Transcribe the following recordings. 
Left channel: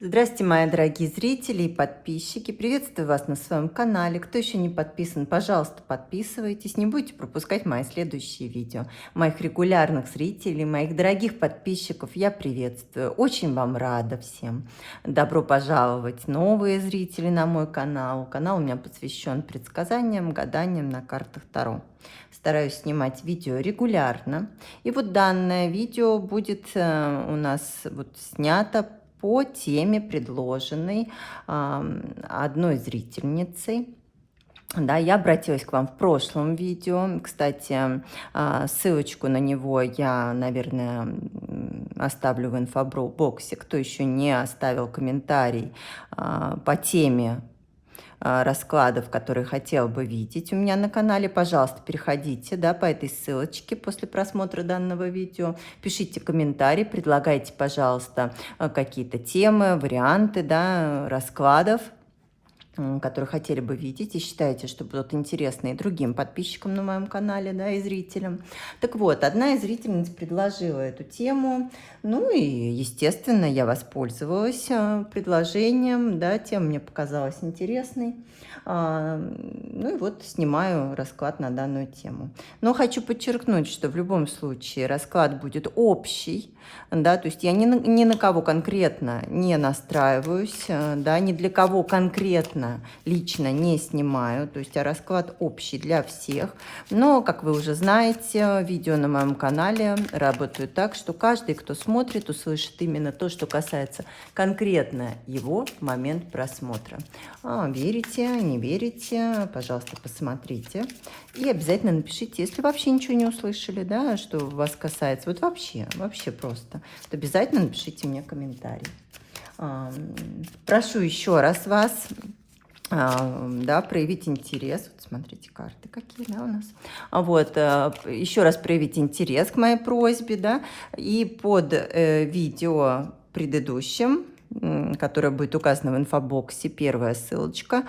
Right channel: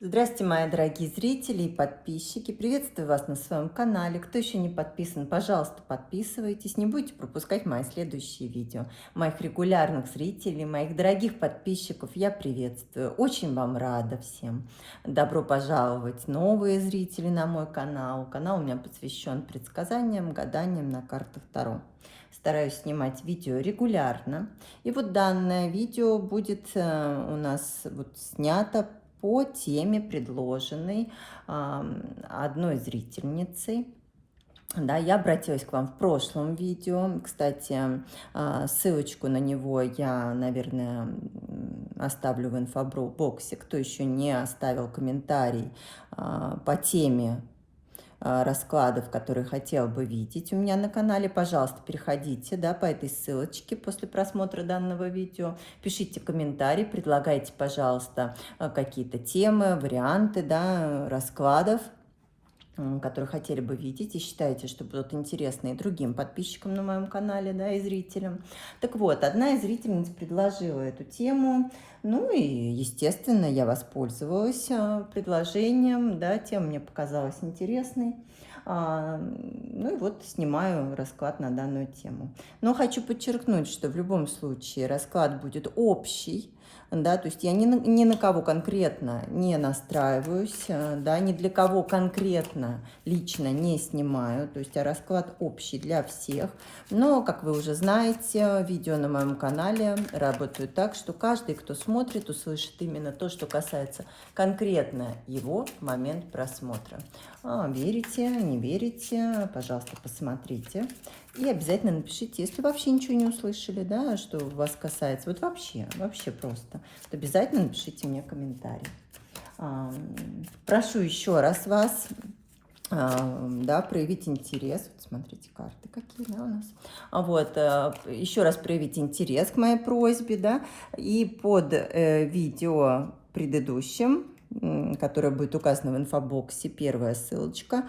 Здравствуйте, мои дорогие зрители и подписчики. Приветствую вас на своем канале. Кто еще не подписан, пожалуйста, подписывайтесь. Не будете пропускать мои следующие видео. Моих регулярных зрителей, моих дорогих подписчиков я приветствую. Очень вам рада всем. Добро пожаловать, новые зрители на мой канал. Канал у меня посвящен предсказаниям, гаданиям на картах Таро. Стараюсь снимать видео регулярно. И вот данное видео будет у нас снято по теме, предложенной одной зрительницей. Да, я обратилась к вам в прошлом видео. Кстати, ссылочку на него я, наверное, оставлю в инфобоксе. Кто еще не оставил комментарий по теме раскладов, которые хотел бы видеть у меня на канале, пожалуйста, переходите, да, по этой ссылочке после просмотра данного видео, пишите комментарии, предлагайте, пожалуйста, какие-то темы, варианты, да, раскладов, которые хотели бы видеть и считаете, что будут интересны и другим подписчикам на моем канале, да, и зрителям. Так вот, одна из зрительниц предложила эту тему, ну и, естественно, я воспользовалась предложением, да, тема мне показалась интересной. Ну и вот снимаю расклад на данную тему. Но хочу подчеркнуть, что в любом случае расклад будет общий, да, то есть я ни на кого конкретно не настраиваюсь, да, ни для кого конкретно лично не снимаю, то есть расклад общий для всех. Но, как вы уже знаете, видео на моем канале работают так, что каждый, кто смотрит, услышит именно то, что касается конкретно его в момент просмотра. Верите, не верите, пожалуйста, посмотрите. И обязательно напишите, если вообще ничего не услышали, да, что вас касается, вот вообще просто, то обязательно напишите мне комментарий. Прошу еще раз вас, да, проявить интерес. Вот смотрите, карты какие, да, у нас. Еще раз проявить интерес к моей просьбе, да, и под видео предыдущим, которая будет указана в инфобоксе, первая ссылочка.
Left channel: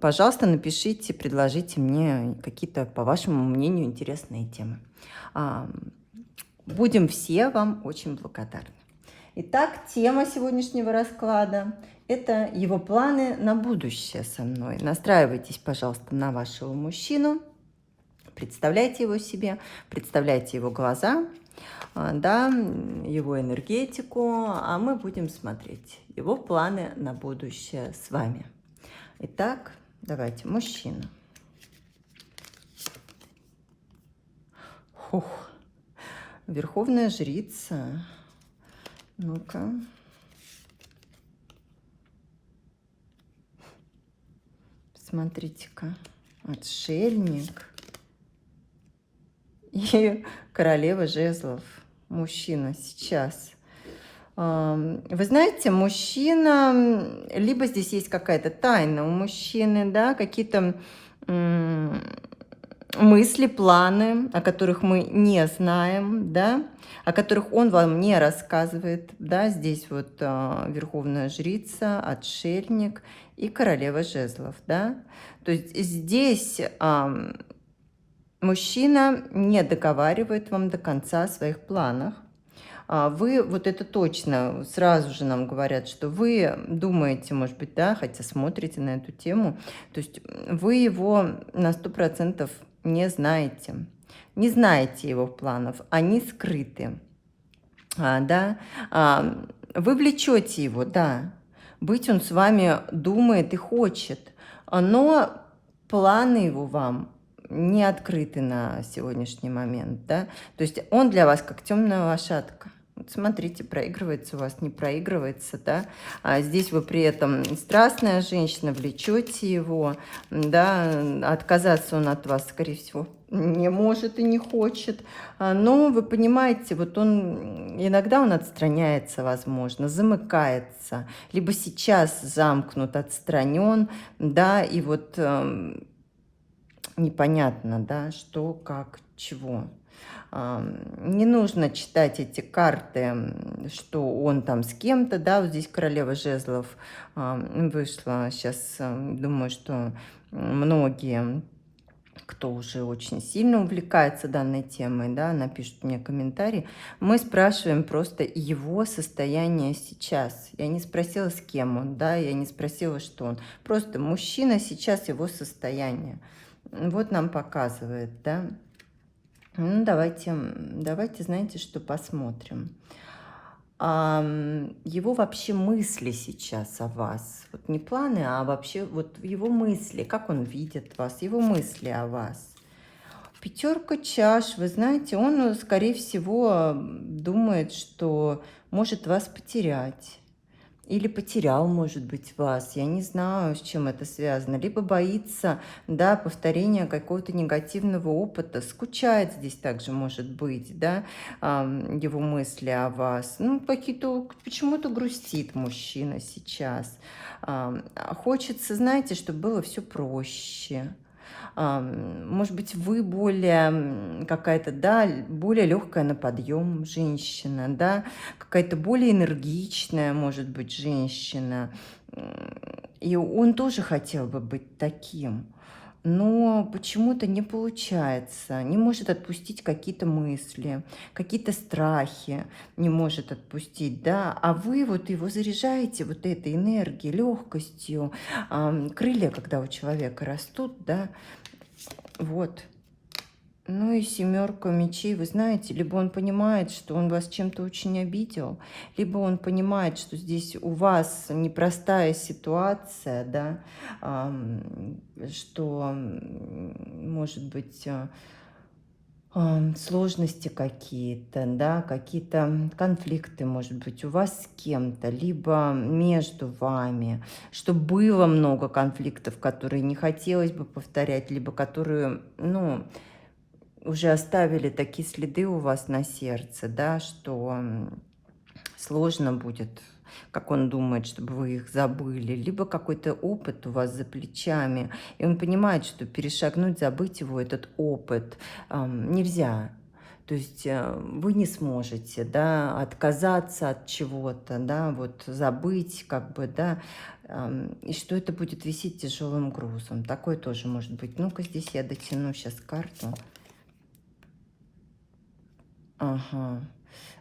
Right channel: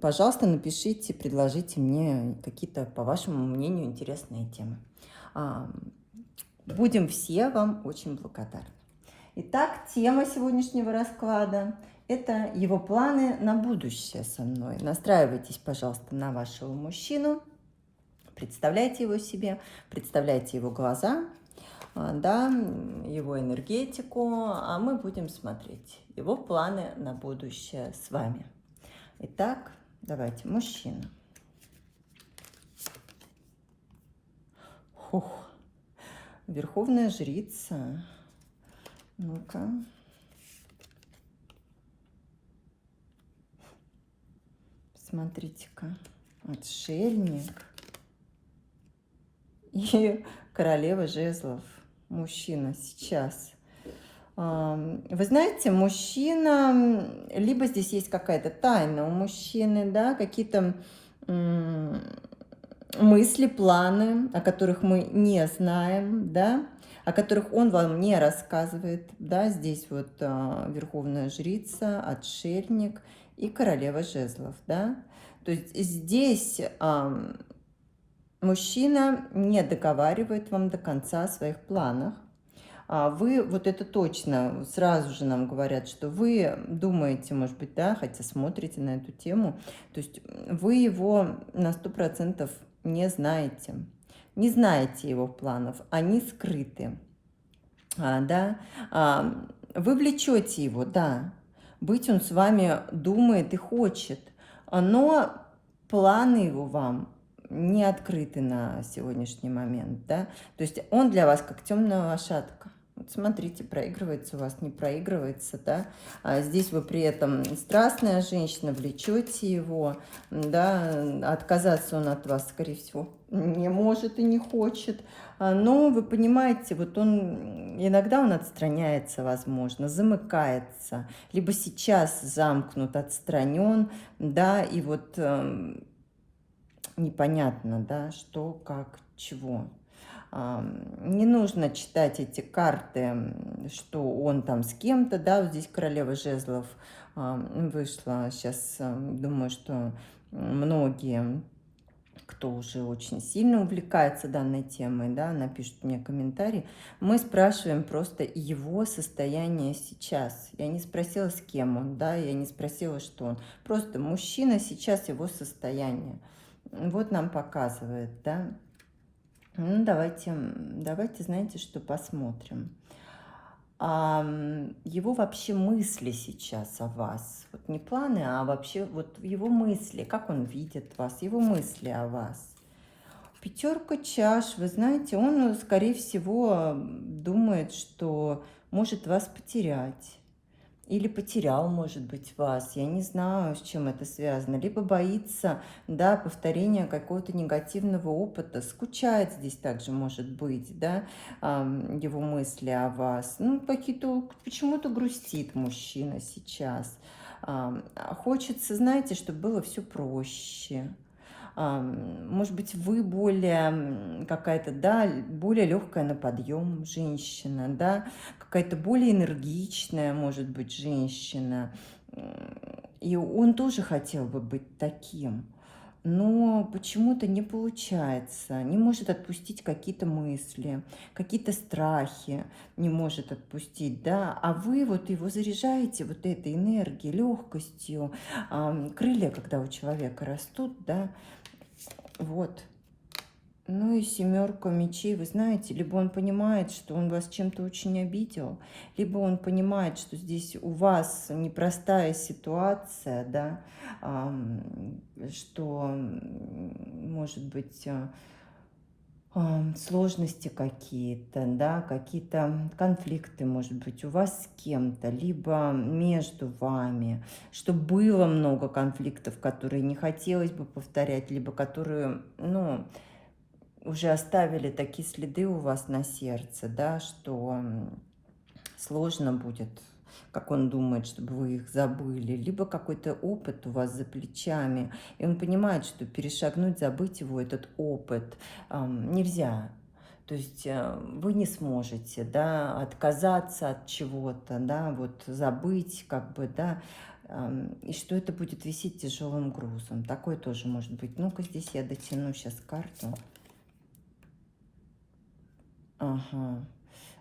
Пожалуйста, напишите, предложите мне какие-то, по вашему мнению, интересные темы. Будем все вам очень благодарны. Итак, тема сегодняшнего расклада – это его планы на будущее со мной. Настраивайтесь, пожалуйста, на вашего мужчину, представляйте его себе, представляйте его глаза, да, его энергетику, а мы будем смотреть его планы на будущее с вами. Итак, давайте, мужчина. Верховная жрица. Ну-ка. Смотрите-ка. Отшельник. И королева жезлов. Мужчина сейчас. Вы знаете, мужчина, либо здесь есть какая-то тайна у мужчины, да, какие-то мысли, планы, о которых мы не знаем, да, о которых он вам не рассказывает, да, здесь вот верховная жрица, отшельник и королева жезлов, да, то есть здесь мужчина не договаривает вам до конца о своих планах. Вы, вот это точно, сразу же нам говорят, что вы думаете, может быть, да, хотя смотрите на эту тему, то есть вы его на 100% не знаете. Не знаете его планов, они скрыты. Да? Вы влечете его, да. Быть он с вами думает и хочет, но планы его вам не открыты на сегодняшний момент, да, то есть он для вас как темная лошадка. Вот смотрите, проигрывается у вас, не проигрывается, да, здесь вы при этом страстная женщина, влечете его, да, отказаться он от вас, скорее всего, не может и не хочет, но вы понимаете, вот иногда он отстраняется, возможно, замыкается, либо сейчас замкнут, отстранен, да, и вот непонятно, да, что, как, чего. Не нужно читать эти карты, что он там с кем-то, да, вот здесь королева жезлов вышла, сейчас думаю, что многие кто уже очень сильно увлекается данной темой, да, напишут мне комментарий, мы спрашиваем просто его состояние сейчас. Я не спросила, с кем он, да, я не спросила, что он. Просто мужчина сейчас, его состояние. Вот нам показывает, да. Ну, давайте, знаете, что посмотрим. Его вообще мысли сейчас о вас. Вот не планы, а вообще вот его мысли, как он видит вас, его мысли о вас. Пятерка чаш, вы знаете, он, скорее всего, думает, что может вас потерять. Или потерял, может быть, вас. Я не знаю, с чем это связано. Либо боится, да, повторения какого-то негативного опыта. Скучает здесь также, может быть, да, его мысли о вас. Ну, почему-то грустит мужчина сейчас. Хочется, знаете, чтобы было все проще. Может быть, вы более какая-то, да, более легкая на подъем женщина, да, какая-то более энергичная, может быть, женщина. И он тоже хотел бы быть таким, но почему-то не получается, не может отпустить какие-то мысли, какие-то страхи не может отпустить, да, а вы вот его заряжаете вот этой энергией, легкостью, крылья, когда у человека растут, да, вот. Ну и семерка мечей, вы знаете, либо он понимает, что он вас чем-то очень обидел, либо он понимает, что здесь у вас непростая ситуация, да, что, может быть, сложности какие-то, да, какие-то конфликты, может быть, у вас с кем-то, либо между вами, что было много конфликтов, которые не хотелось бы повторять, либо которые, ну, уже оставили такие следы у вас на сердце, да, что сложно будет, как он думает, чтобы вы их забыли, либо какой-то опыт у вас за плечами, и он понимает, что перешагнуть, забыть его, этот опыт нельзя. То есть вы не сможете, да, отказаться от чего-то, да, вот забыть, как бы, да, и что это будет висеть тяжелым грузом. Такое тоже может быть. Ну-ка, здесь я дотяну сейчас карту. Ага.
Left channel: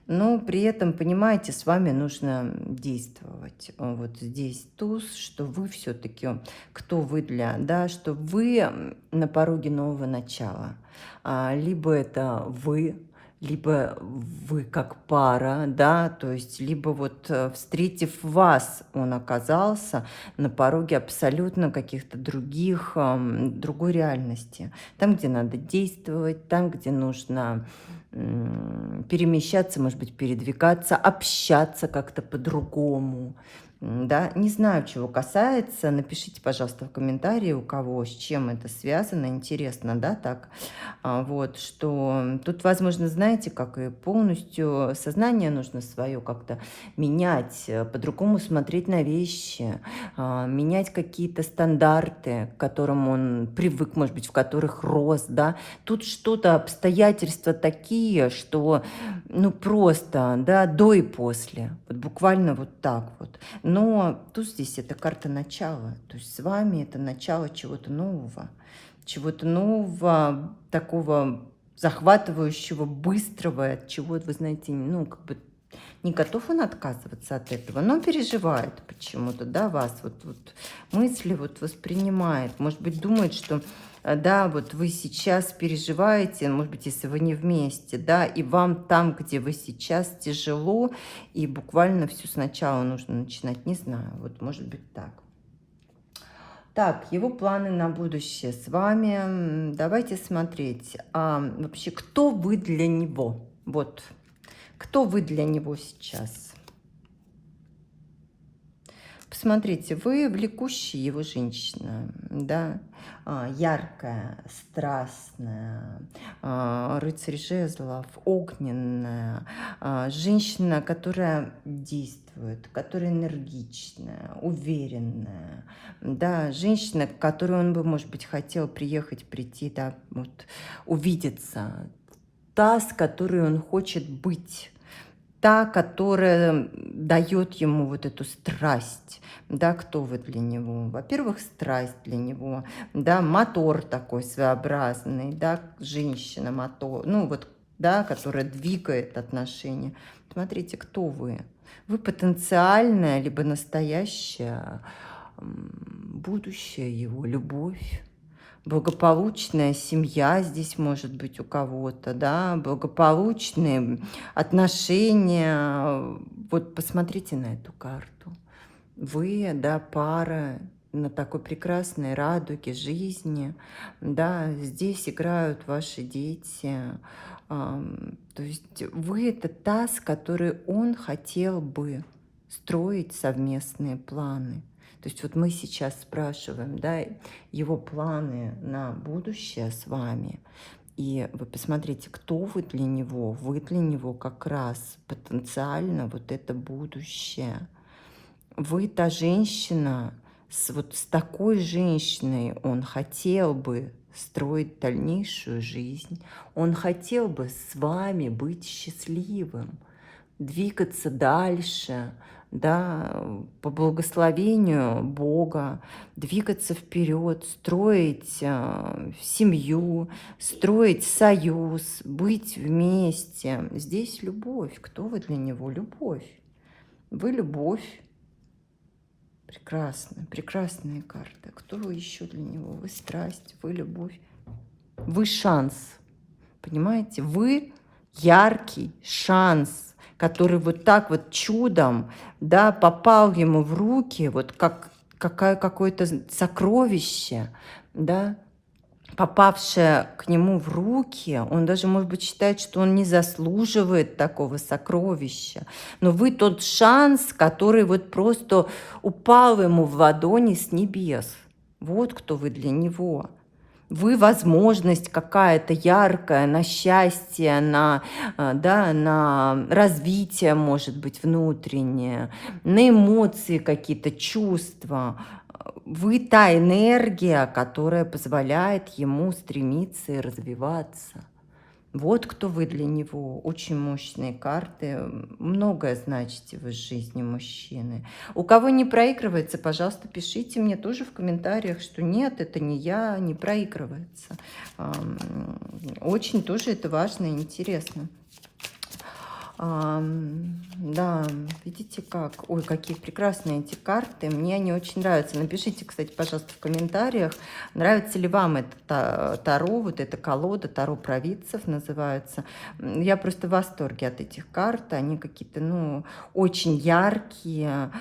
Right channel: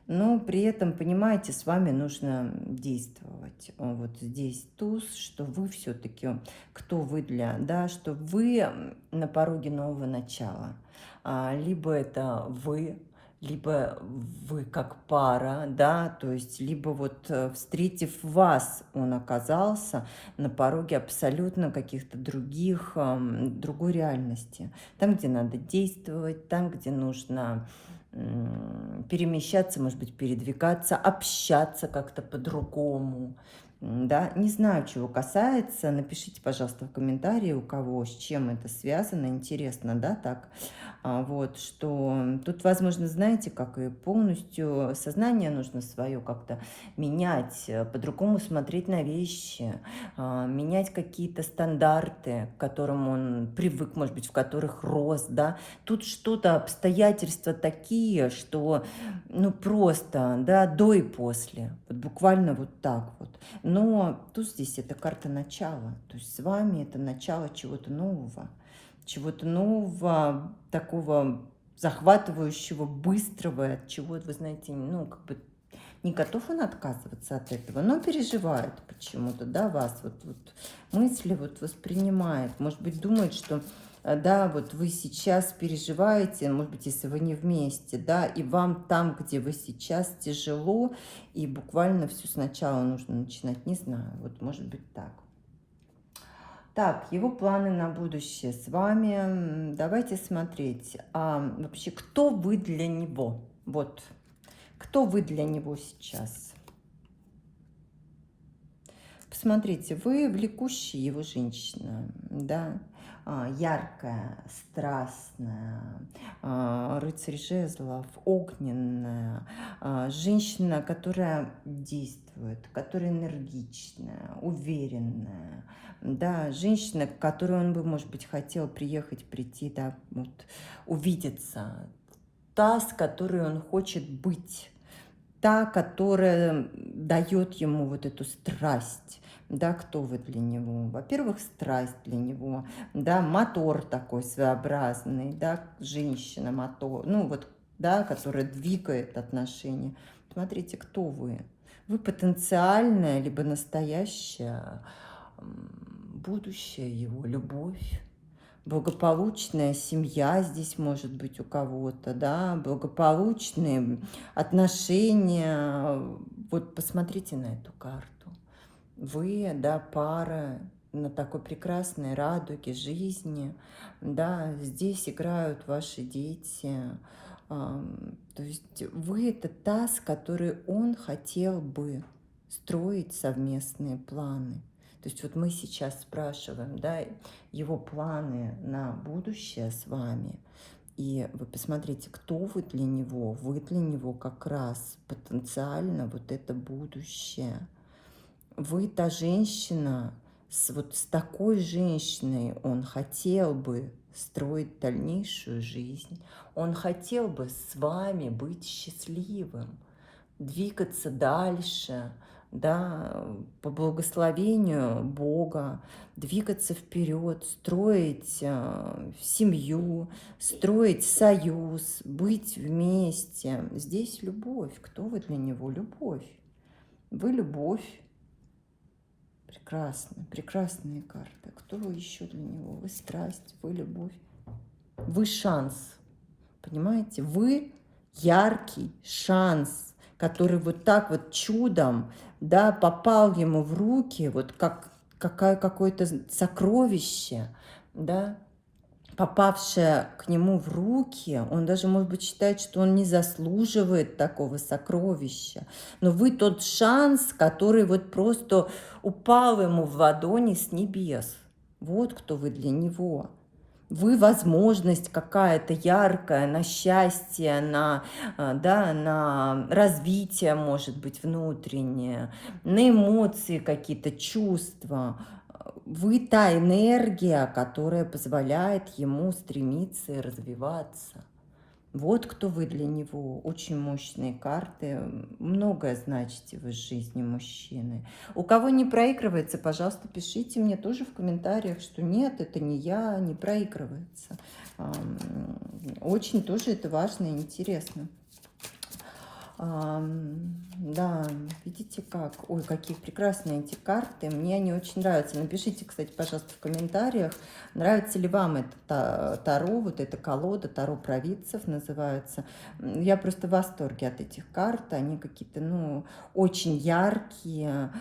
Но при этом, понимаете, с вами нужно действовать. Вот здесь туз, что вы все-таки, кто вы для, да, что вы на пороге нового начала. Либо это вы, либо вы как пара, да, то есть, либо вот встретив вас, он оказался на пороге абсолютно каких-то других, другой реальности. Там, где надо действовать, там, где нужно перемещаться, может быть, передвигаться, общаться как-то по-другому. Да, не знаю, чего касается. Напишите, пожалуйста, в комментарии, у кого, с чем это связано. Интересно, да, так? Вот, что тут, возможно, знаете, как и полностью сознание нужно свое как-то менять, по-другому смотреть на вещи, менять какие-то стандарты, к которым он привык, может быть, в которых рос, да. Тут что-то, обстоятельства такие, что, ну, просто, да, до и после. Вот буквально вот так вот. Но тут здесь это карта начала. То есть с вами это начало чего-то нового. Чего-то нового, такого захватывающего, быстрого, от чего, вы знаете, ну, как бы не готов он отказываться от этого, но переживает почему-то, да, вас, вот мысли вот воспринимает, может быть, думает, что, да, вот вы сейчас переживаете, может быть, если вы не вместе, да, и вам там, где вы сейчас, тяжело, и буквально все сначала нужно начинать, не знаю, вот может быть так. Так, его планы на будущее с вами. Давайте смотреть, вообще, кто вы для него, вот. Кто вы для него сейчас? Посмотрите, вы влекущая его женщина, да, яркая, страстная, рыцарь жезлов, огненная, женщина, которая действует, которая энергичная, уверенная, да, женщина, к которой он бы, может быть, хотел приехать, прийти, да, вот, увидеться, та, с которой он хочет быть. та, которая дает ему вот эту страсть, да, кто вы для него? Во-первых, страсть для него, да, мотор такой своеобразный, да, женщина-мотор, ну вот, да, которая двигает отношения. Смотрите, кто вы? Вы потенциальное, либо настоящее будущее его, любовь. Благополучная семья здесь может быть у кого-то, да, благополучные отношения. Вот посмотрите на эту карту. Вы, да, пара на такой прекрасной радуге жизни, да, здесь играют ваши дети. То есть вы это та, с которой он хотел бы строить совместные планы. То есть вот мы сейчас спрашиваем, да, его планы на будущее с вами. И вы посмотрите, кто вы для него. Вы для него как раз потенциально вот это будущее. Вы та женщина, вот с такой женщиной он хотел бы строить дальнейшую жизнь. Он хотел бы с вами быть счастливым, двигаться дальше, да, по благословению Бога, двигаться вперед, строить семью, строить союз, быть вместе. Здесь любовь. Кто вы для него? Любовь. Вы любовь. Прекрасно. Прекрасные карты. Кто вы еще для него? Вы страсть, вы любовь. Вы шанс. Понимаете? Вы яркий шанс, который вот так вот чудом, да, попал ему в руки, вот как какое-то сокровище, да, попавшее к нему в руки. Он даже, может быть, считает, что он не заслуживает такого сокровища. Но вы тот шанс, который вот просто упал ему в ладони с небес. Вот кто вы для него. Вы возможность какая-то яркая на счастье, да, на развитие, может быть, внутреннее, на эмоции какие-то, чувства. Вы та энергия, которая позволяет ему стремиться и развиваться. Вот кто вы для него. Очень мощные карты. Многое значите вы в жизни мужчины. У кого не проигрывается, пожалуйста, пишите мне тоже в комментариях, что нет, это не я, не проигрывается. Очень тоже это важно и интересно. Да, видите как? Ой, какие прекрасные эти карты. Мне они очень нравятся. Напишите, кстати, пожалуйста, в комментариях, нравится ли вам это Таро, вот эта колода, Таро провидцев называется. Я просто в восторге от этих карт. Они какие-то, ну, очень яркие,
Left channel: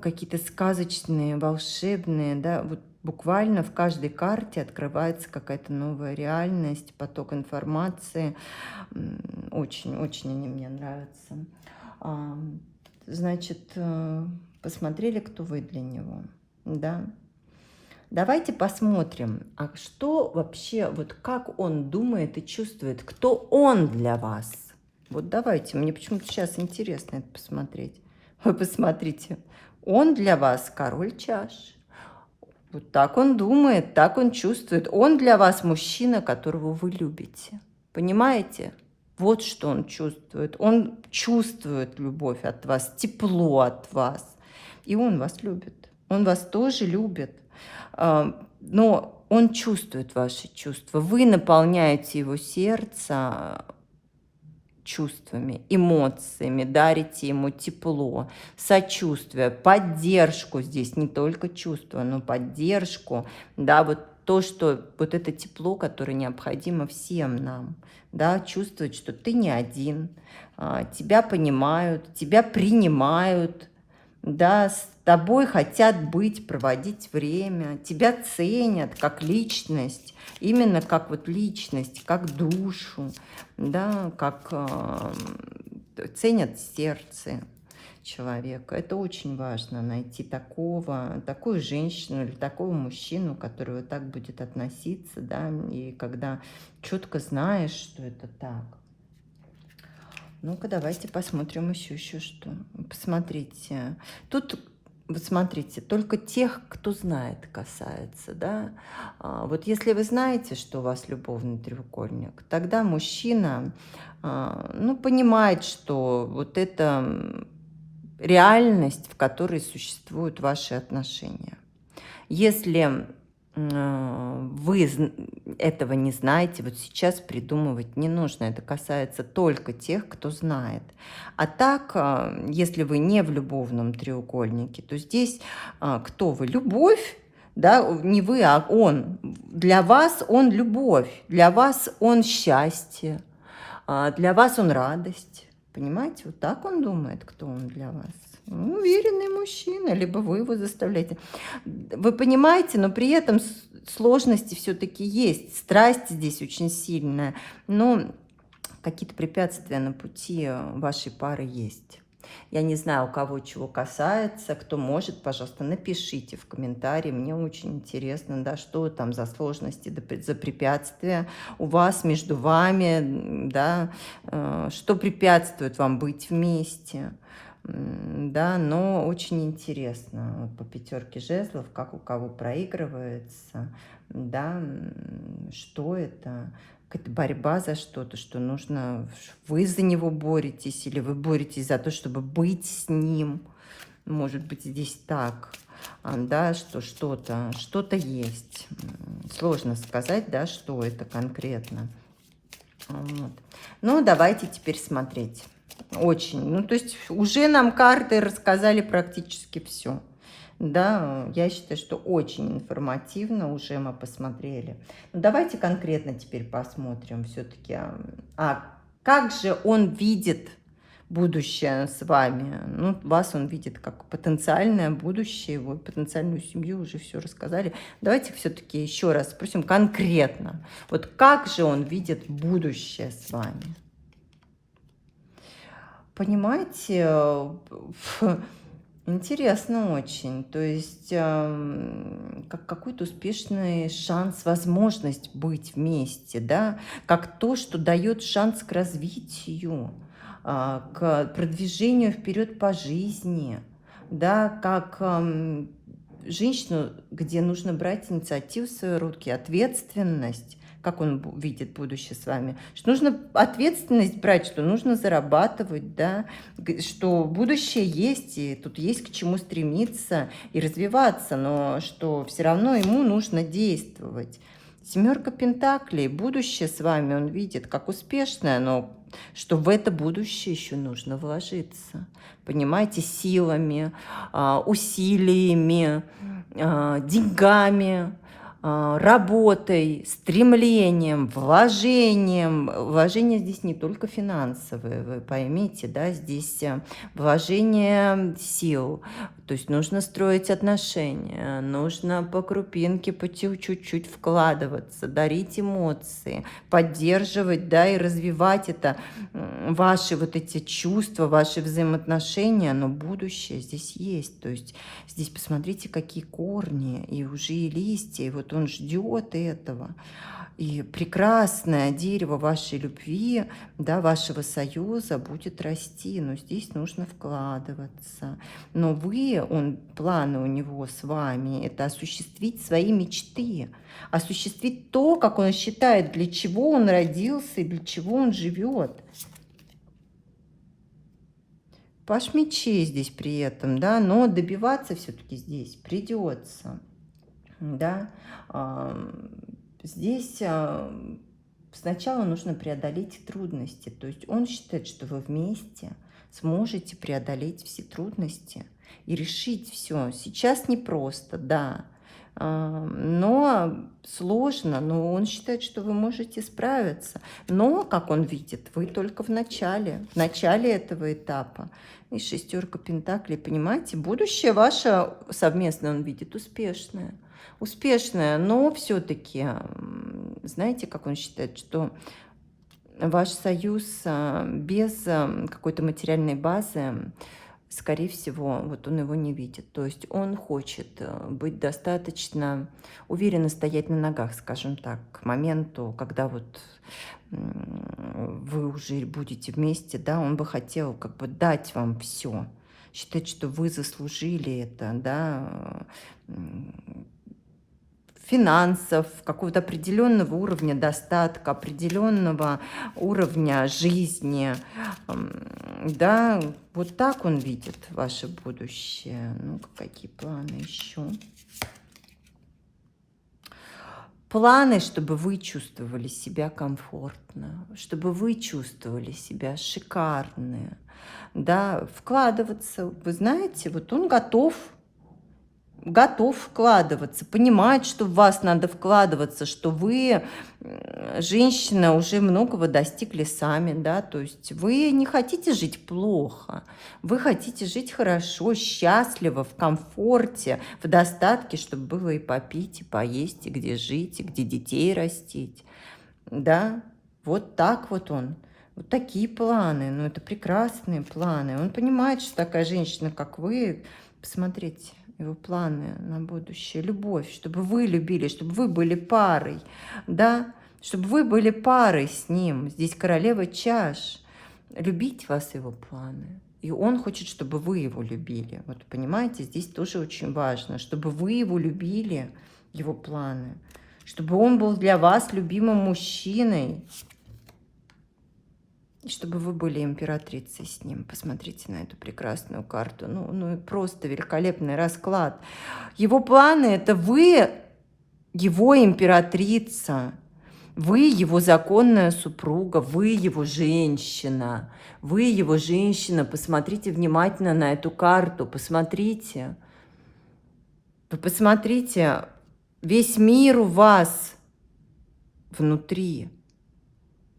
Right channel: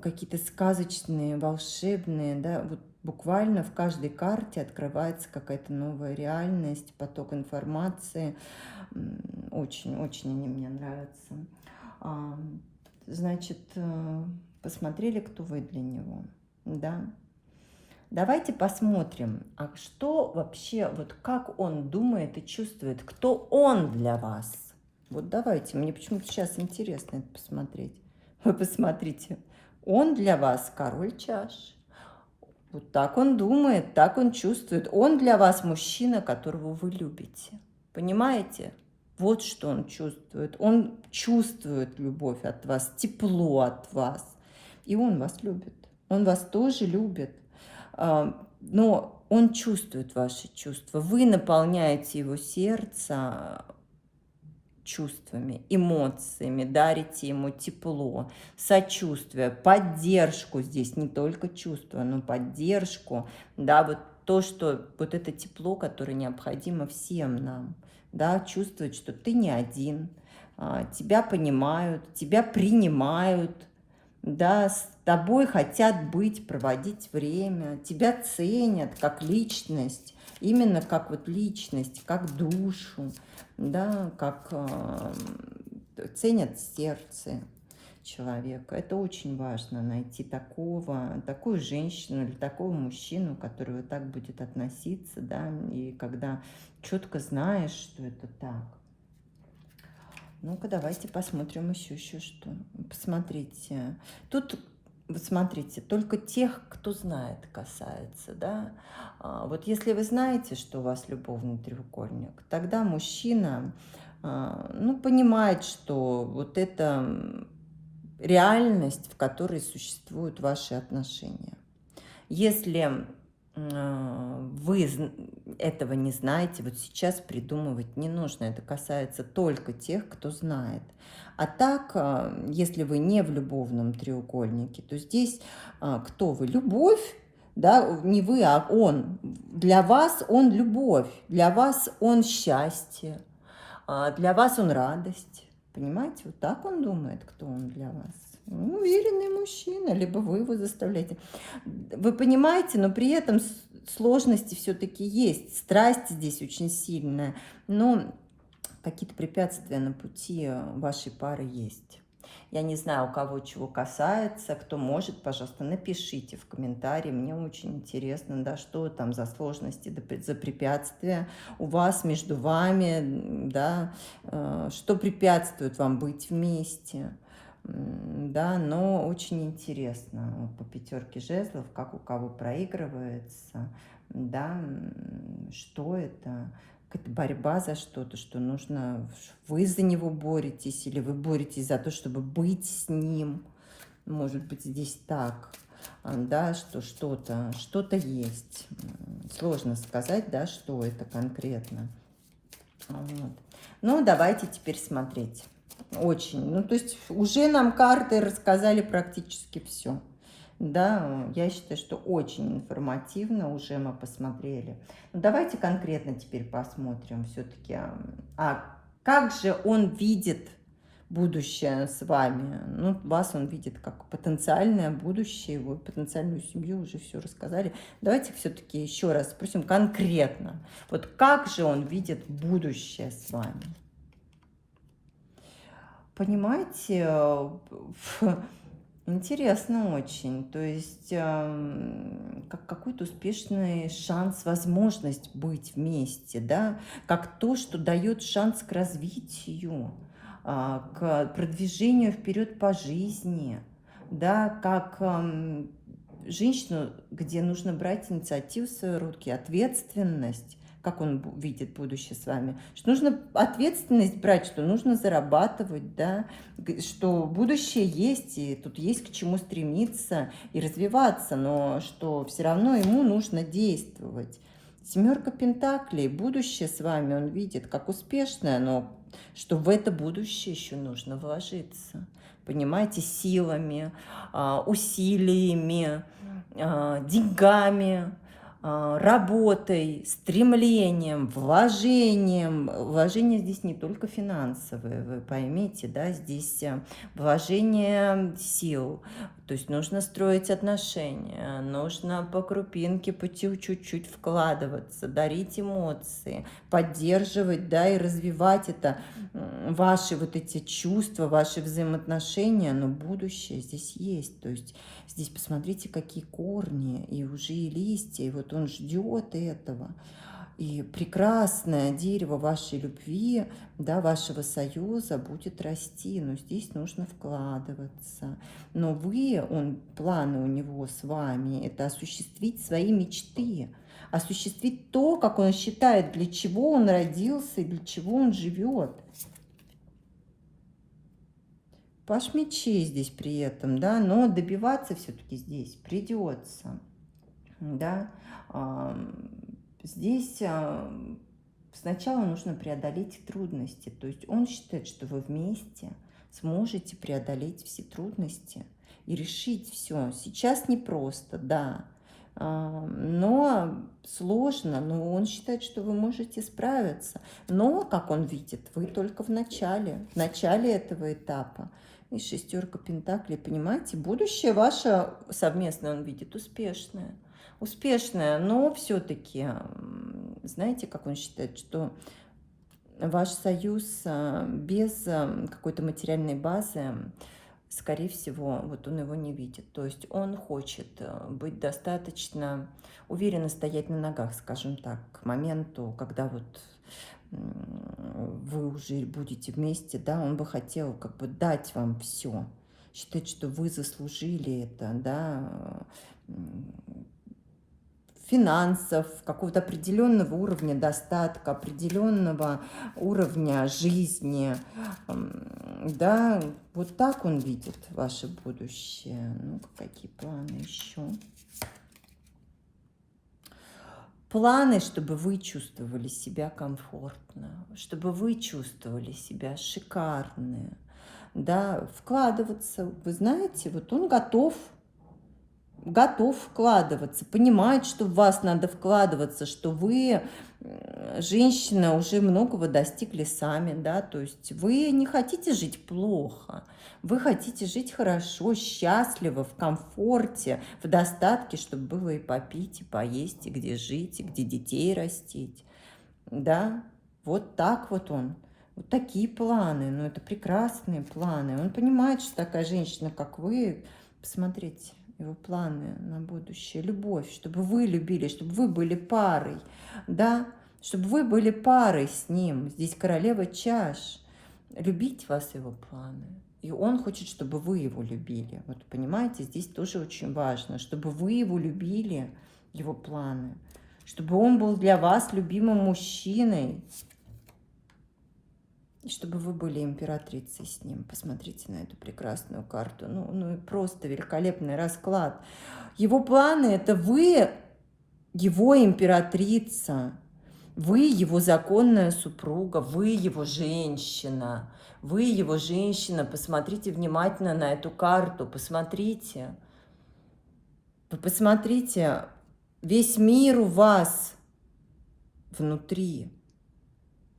какие-то сказочные, волшебные, да, вот буквально в каждой карте открывается какая-то новая реальность, поток информации. Очень-очень они мне нравятся. Значит, посмотрели, кто вы для него, да? Давайте посмотрим, а что вообще, вот как он думает и чувствует, кто он для вас. Вот давайте, мне почему-то сейчас интересно это посмотреть. Вы посмотрите, он для вас король чаш. Вот так он думает, так он чувствует. Он для вас мужчина, которого вы любите. Понимаете? Вот что он чувствует. Он чувствует любовь от вас, тепло от вас. И он вас любит. Он вас тоже любит. Но он чувствует ваши чувства. Вы наполняете его сердце чувствами, эмоциями, дарите ему тепло, сочувствие, поддержку здесь, не только чувства, но поддержку, да, вот то, что вот это тепло, которое необходимо всем нам, да, чувствовать, что ты не один, тебя понимают, тебя принимают, да, с тобой хотят быть, проводить время, тебя ценят как личность, именно как вот личность, как душу, да, как ценят сердце человека. Это очень важно, найти такую женщину или такого мужчину, который вот так будет относиться, да, и когда четко знаешь, что это так. Ну-ка, давайте посмотрим еще что. Посмотрите. Тут Вот смотрите, только тех, кто знает, касается, да. Вот если вы знаете, что у вас любовный треугольник, тогда мужчина, ну, понимает, что вот это реальность, в которой существуют ваши отношения. Если вы этого не знаете, вот сейчас придумывать не нужно, это касается только тех, кто знает. А так, если вы не в любовном треугольнике, то здесь кто вы? Любовь, да, не вы, а он. Для вас он любовь, для вас он счастье, для вас он радость. Понимаете, вот так он думает, кто он для вас. Уверенный мужчина, либо вы его заставляете. Вы понимаете, но при этом сложности все-таки есть. Страсть здесь очень сильная, но какие-то препятствия на пути вашей пары есть. Я не знаю, у кого чего касается, кто может, пожалуйста, напишите в комментарии, мне очень интересно, да, что там за сложности, за препятствия у вас, между вами, да, что препятствует вам быть вместе. Да, но очень интересно вот по пятерке жезлов, как у кого проигрывается, да, что это, какая-то борьба за что-то, что нужно, вы за него боретесь, или вы боретесь за то, чтобы быть с ним, может быть, здесь так, да, что что-то есть, сложно сказать, да, что это конкретно. Вот. Ну, давайте теперь смотреть. Очень. Ну, то есть уже нам карты рассказали практически все. Да, я считаю, что очень информативно уже мы посмотрели. Ну, давайте конкретно теперь посмотрим все-таки. Как же он видит будущее с вами? Ну, вас он видит как потенциальное будущее, его потенциальную семью, уже все рассказали. Давайте все-таки еще раз спросим конкретно. Вот как же он видит будущее с вами? Понимаете, интересно очень. То есть, как какой-то успешный шанс, возможность быть вместе, да, как то, что дает шанс к развитию, к продвижению вперед по жизни, да, как женщину, где нужно брать инициативу в свои руки, ответственность, как он видит будущее с вами, что нужно ответственность брать, что нужно зарабатывать, да, что будущее есть, и тут есть к чему стремиться и развиваться, но что все равно ему нужно действовать. Семерка пентаклей, будущее с вами он видит как успешное, но что в это будущее еще нужно вложиться. Понимаете, силами, усилиями, деньгами, работой, стремлением, вложением. Вложения здесь не только финансовые, вы поймите, да, здесь вложение сил. То есть нужно строить отношения, нужно по крупинке, по чуть-чуть вкладываться, дарить эмоции, поддерживать, да, и развивать это, ваши вот эти чувства, ваши взаимоотношения, но будущее здесь есть. То есть здесь посмотрите, какие корни, и уже и листья, и вот он ждет этого. И прекрасное дерево вашей любви, да, вашего союза будет расти, но здесь нужно вкладываться. Но планы у него с вами, это осуществить свои мечты, осуществить то, как он считает, для чего он родился и для чего он живет. Паш мечей здесь при этом, да, но добиваться все-таки здесь придется, да. Здесь сначала нужно преодолеть трудности, то есть он считает, что вы вместе сможете преодолеть все трудности и решить все. Сейчас непросто, да, но сложно, но он считает, что вы можете справиться. Но, как он видит, вы только в начале этого этапа. И шестерка пентаклей, понимаете, будущее ваше совместное он видит успешное. Успешное, но все-таки, знаете, как он считает, что ваш союз без какой-то материальной базы, скорее всего, вот он его не видит. То есть он хочет быть достаточно уверенно стоять на ногах, скажем так, к моменту, когда вот вы уже будете вместе, да, он бы хотел как бы дать вам все. считать, что вы заслужили это, да, финансов, какого-то определенного уровня достатка, определенного уровня жизни. Да, вот так он видит ваше будущее. Ну, какие планы еще? Планы, чтобы вы чувствовали себя комфортно, чтобы вы чувствовали себя шикарно, да, вкладываться. Вы знаете, вот он готов вкладываться, понимает, что в вас надо вкладываться, что вы, женщина, уже многого достигли сами, да, то есть вы не хотите жить плохо, вы хотите жить хорошо, счастливо, в комфорте, в достатке, чтобы было и попить, и поесть, и где жить, и где детей растить, да, вот так вот он. Вот такие планы, ну это прекрасные планы. Он понимает, что такая женщина, как вы, посмотрите, его планы на будущее, любовь, чтобы вы любили, чтобы вы были парой, да, чтобы вы были парой с ним. Здесь королева чаш. Любить вас его планы. И он хочет, чтобы вы его любили. Вот понимаете, здесь тоже очень важно, чтобы вы его любили, его планы, чтобы он был для вас любимым мужчиной, и чтобы вы были императрицей с ним. Посмотрите на эту прекрасную карту. Ну и просто великолепный расклад. Его планы – это вы, его императрица. Вы его законная супруга, вы его женщина. Вы его женщина. Посмотрите внимательно на эту карту. Посмотрите. Вы посмотрите. Весь мир у вас внутри.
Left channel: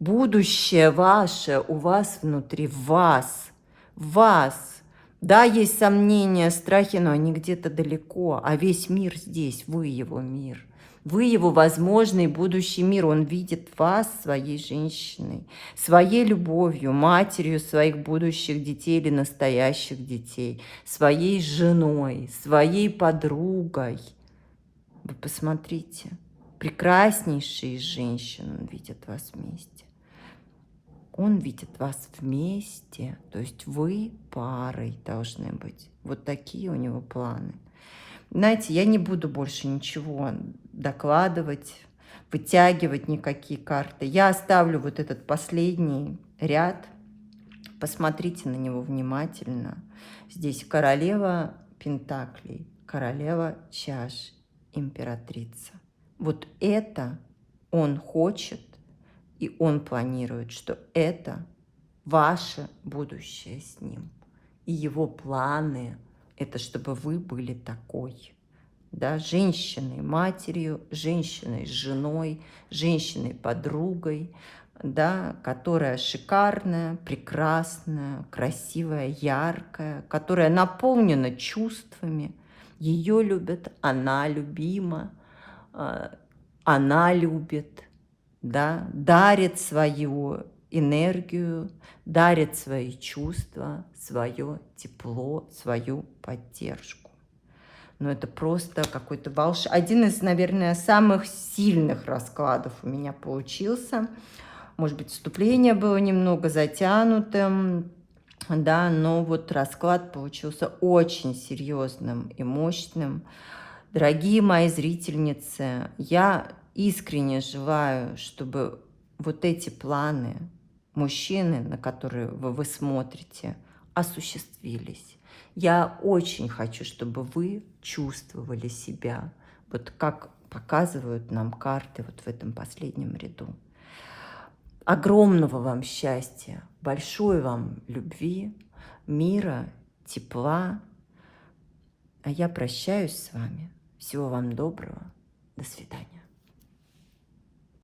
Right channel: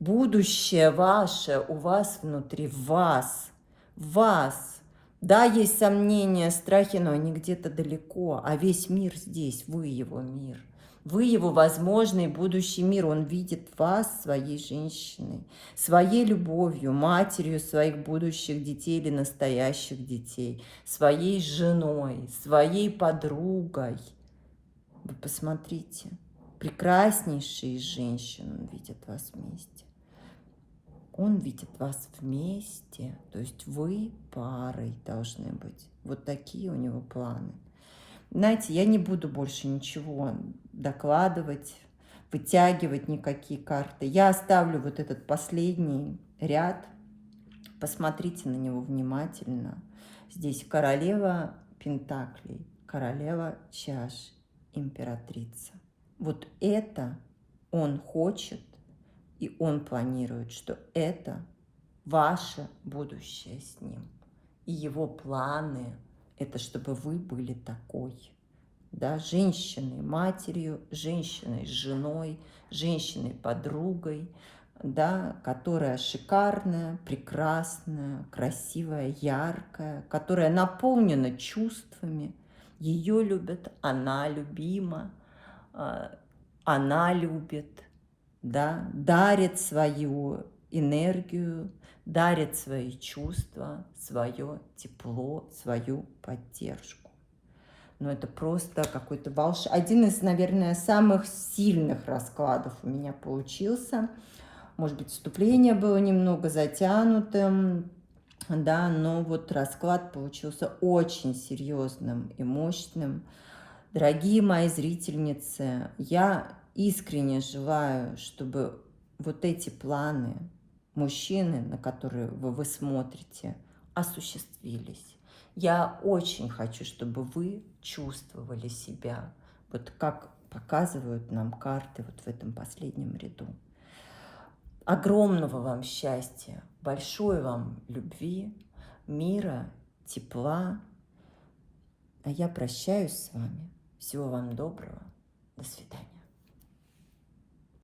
Будущее ваше у вас внутри, в вас. Да, есть сомнения, страхи, но они где-то далеко, а весь мир здесь, вы его мир. Вы его возможный будущий мир, он видит вас своей женщиной, своей любовью, матерью своих будущих детей или настоящих детей, своей женой, своей подругой. Вы посмотрите, прекраснейшие из женщин он видит вас вместе. Он видит вас вместе, то есть вы парой должны быть. Вот такие у него планы. Знаете, я не буду больше ничего докладывать, вытягивать никакие карты. Я оставлю вот этот последний ряд. Посмотрите на него внимательно. Здесь королева пентаклей, королева чаш, императрица. Вот это он хочет. И он планирует, что это ваше будущее с ним. И его планы – это чтобы вы были такой. Да, женщиной, матерью, женщиной, женой, женщиной, подругой, да, которая шикарная, прекрасная, красивая, яркая, которая наполнена чувствами. Ее любят, она любима, она любит. Да, дарит свою энергию, дарит свои чувства, свое тепло, свою поддержку. Но это просто какой-то один из, наверное, самых сильных раскладов у меня получился. Может быть, вступление было немного затянутым, да, но вот расклад получился очень серьезным и мощным. Дорогие мои зрительницы, я искренне желаю, чтобы вот эти планы мужчины, на которые вы смотрите, осуществились. Я очень хочу, чтобы вы чувствовали себя, вот как показывают нам карты вот в этом последнем ряду. Огромного вам счастья, большой вам любви, мира, тепла. А я прощаюсь с вами. Всего вам доброго. До свидания.